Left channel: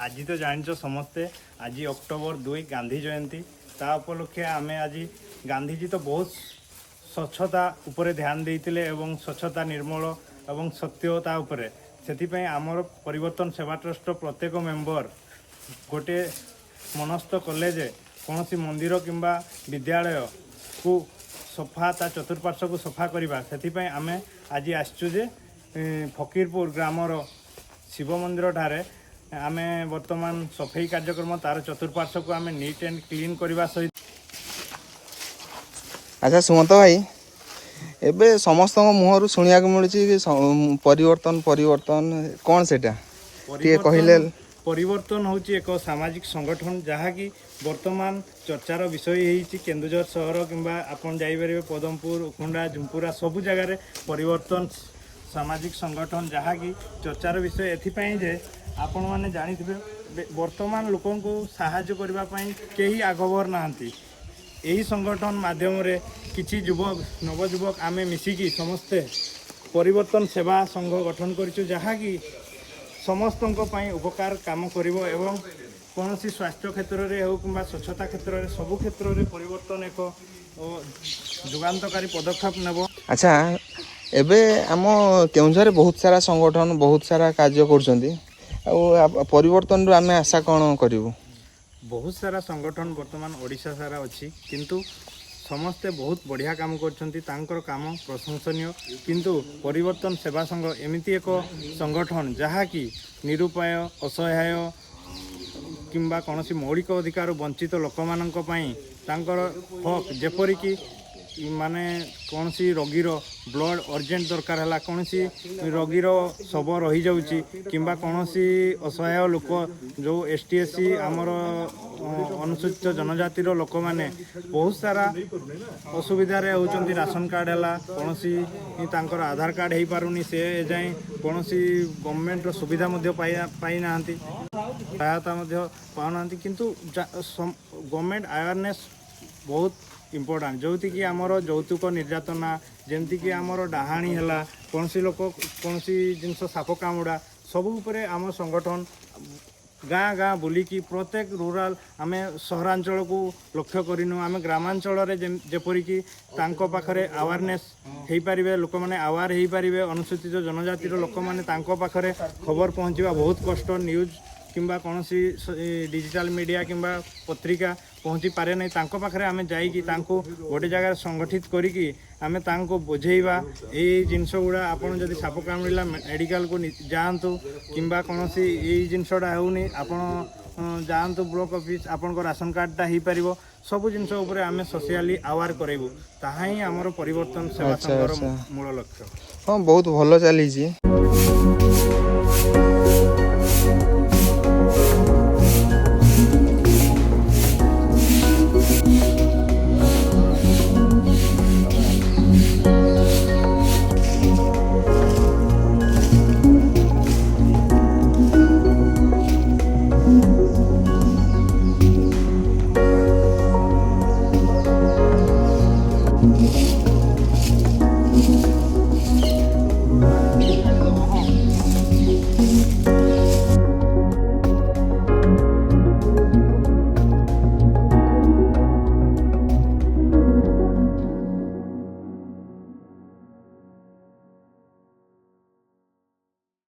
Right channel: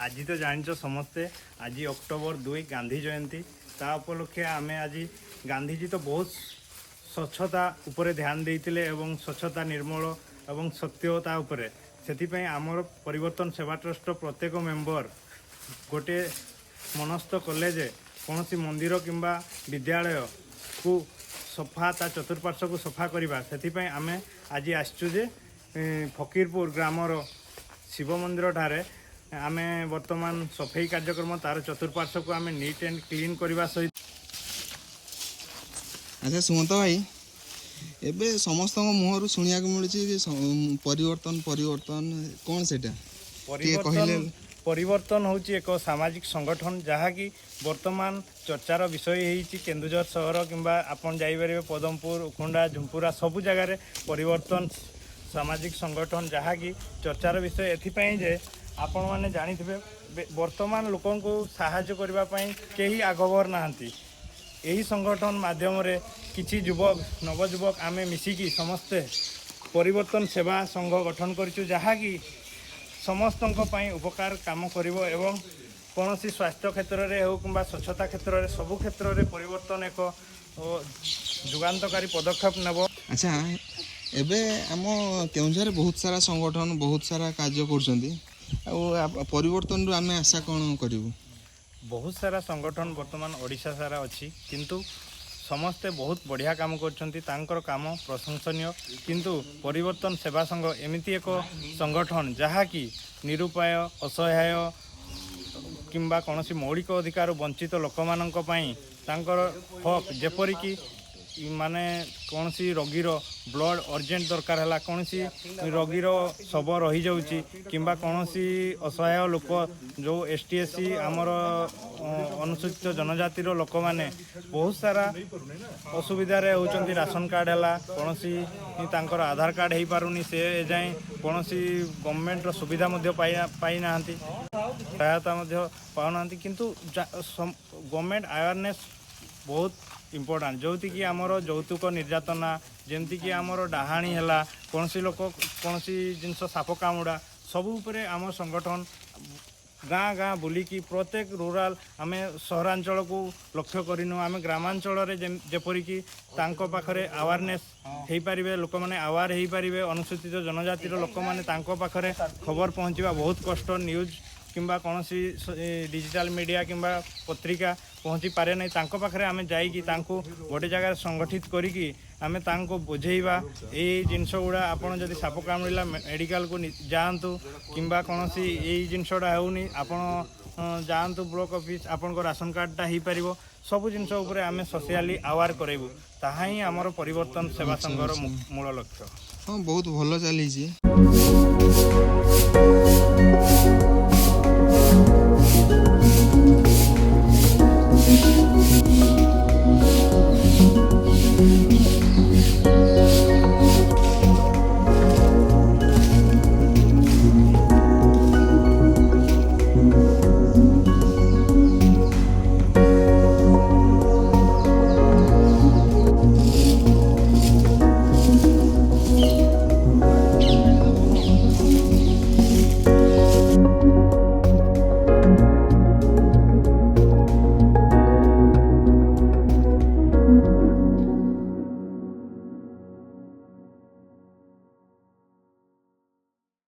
आज तो जानिच समस्ते आज अक्टोबर 2 गांधी जयंती ता उपलक्षे आमे आज गांधीजी तो बहुत स्वच्छता उपरे ध्यान देते एवं स्वच्छता निर्मल एवं सत्यता उपरे से आमर परिवर्तन सेवा ट्रस्ट प्रत्येक मेंबर गोटे मनस्थ कले जे कौन सी मंदिर किंबा विद्यालय को सफा ता चतुर्पार्श्व को सफा करवा से आमे आज आसचु जे फकीरपुर ग्रामर शिव मंदिर ठारे आमे वर्तमान सफाई कार्यक्रम तार चतुर्पार्श्व को आमे नीट एंड क्लीन करवा सहित। अच्छा सुमंत भाई एबे समस्त मुहर शुणा मिलूँ परिवर्तन परिवर्तन कौन से कहले परिवर्तन हूँ एक सामाजिक संगठन जहाँकि वर्तमान चर्चार विषय होती केन्दुझर सहर किंबा आपन जाइपर पदमपुर उखुंडा झुंपुरा सबु जगार परिवर्तन सामाजिक संगठन जहाँकि चर्चार विषय एथिपाई जे आपण मैंने जानी वर्तमान लोक साहाय्य करने कहीं आगभर नहांती यही संगठन माध्यम रे किछि युवक नवयुवक आमे मिसिकी समस्ते परिवर्तन सेवा संघ गठन करिछु जहाँकि समस्तों उपकार काम करिवो एवं कौन सी स्वास्थ्य क्षेत्र में हो कि स्वच्छता क्षेत्र में सबु क्षेत्र में परिवर्तन एक जुगान्तकारी पदक्षेप नेब। अच्छा एबे आम केउझर बहुत सारा संगठन बहुत सारा कार्य कर परिवर्तन आम आशा कौन करूँ बहुत सारा संगठन वर्तमान ओडिशा सारा अच्छी किंतु समस्ते बहुत बढ़िया काम करछंती तांकर काम प्रशंसनीय किंतु परिवर्तन सेवा संघ एमिति एक संगठन जहाँकि निरुपाय असहाय किंबा कौन सी मौलिक अधिकार वंचित लोक मानक पई तांकर हक जेपरिक माने कौन सी रोगीर ब्लड अर्जेंट दरकार है कौन सी रोगीर शव रही जाऊँगी किंबा कौन सी असहाय लोक जो ST/SC आमर अनुसूचित जनजातिर लोक मैंने बहुत सारा असुविधार होती राशन कार्ड है कौन सी तांकर आधार कार्ड हो पारुनी से जाए कौन सी गवर्नमेंट सुविधा पाई ना सहायता पाना किंतु गवर्नमेंट अवेयरनेस बहुत इम्पोर्टाट जो कि आमर यौतुक निर्यातना जमती कि आमर डाहाणी है कौन सी लोक कौन सी जिनस साप कामुड़ा सब उपरे आम संगठन गाँ गाँ बुलिकी प्रत्येक रूराल आम सहरांचल को लक्ष्य करूँ आम ग्रामांचल जेपरिक पाखरे अवेयरनेस हो पारे लोक मैंने अवेयर हो पारे अनुसूचित जनजातिर लोक मैंने पाखरे खबर पहुँचवा बहुत कष्ट न्यूज किंबा कौन सी डिजिटल मीडिया किंबा पत्रिका पहुँची पारे नहीं तांको पाखरे आमे जाइकी तांको गोटे जगह संगठित करिकी आमे तांको बुझेइबा ए जिनस गुड़ा आपन जदि साप कामुड़िला मेडिकल को जातु किंबा कौन सी ए जिनसटा होनी आपन जातु ब्लॉक ऑफिस आपन को राशन कार्डटा हो पार सबू जिनस उपरे आमे सोशली अवेयर करेबू ताहा ही आमर परिवर्तन सेवा संघर मूल लक्ष्य। हाँ बहुत भल चली।